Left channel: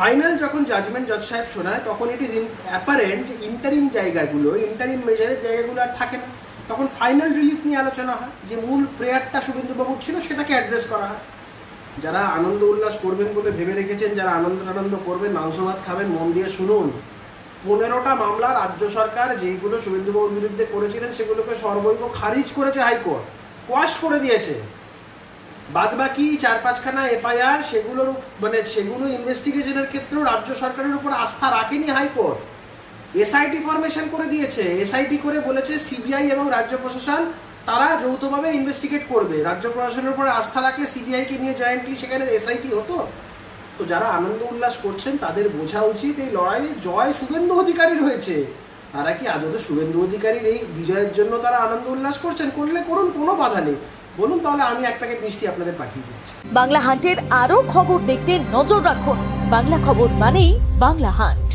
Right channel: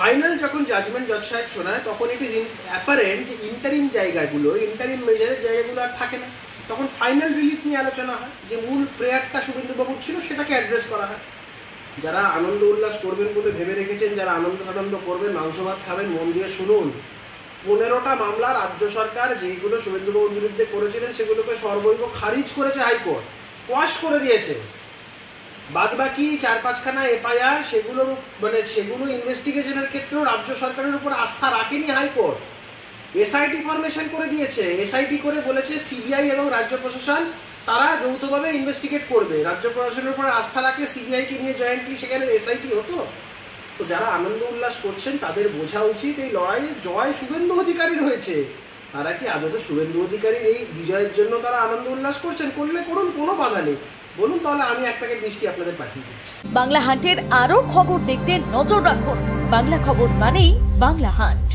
Final যখন judgement জজ সাহেব শোনায় তখন ইট ইজ অ্যাপারেন্ট ইন্টারিম জায়গাগুলো, ইন্টারিম মেজারের জায়গাগুলো আর থাকে না, তখন ফাইনাল রিলিফ নিয়ে আলোচনা হয়। যে মূল প্রেয়ারটা শুভেন্দুবাবুর ছিল সেটাকে অ্যাড্রেস করা হয়। যারা আনন্দ উল্লাস করবেন বলে ভেবে রেখেছেন, যারা আনন্দ করবেন, মাংস ভাত খাবেন, মন দিয়ে শুনুন। 15টা মামলা রাজ্য সরকার যেইগুলো শুভেন্দুবাবুর বিরুদ্ধে করেছিলেন সেগুলোকে সর্বৈব খারিজ করেছে হাইকোর্ট, কোয়াশ করে দিয়েছে। বাদ বাকি 4-5খানা এফআইআর সেগুলোর সেগুলো ইনভেস্টিগেশনের ক্ষেত্রেও রাজ্য সরকারের উপর আস্থা রাখেনি হাইকোর্ট। এসআইটি ফরমেশন করে দিয়েছে, এসআইটি করে বলেছে সিবিআই এবং রাজ্য প্রশাসন তারা যৌথভাবে ইনভেস্টিগেট করবে। রাজ্য প্রশাসনের উপরে আস্থা রাখলে সিবিআইকে নিয়ে জয়েন্টলি সেখানে এসআইটি হতো। তো যারা আনন্দ উল্লাস করছেন তাদের বোঝা উচিত এই লড়াইয়ে জয় শুভেন্দু অধিকারীর হয়েছে। তারা কি আদৌ শুভেন্দু অধিকারীর এই বিজয়ের জন্য তারা আনন্দ উল্লাস করছেন? করলে করুন, কোনো বাধা নেই, বলুন, তাহলে আমি এক প্যাকেট মিষ্টি আপনাদের পাঠিয়ে দিচ্ছি। বাংলা হান্টের আরো খবর দেখতে নজর রাখুন। বাংলা খবর মানেই বাংলা হান্ট।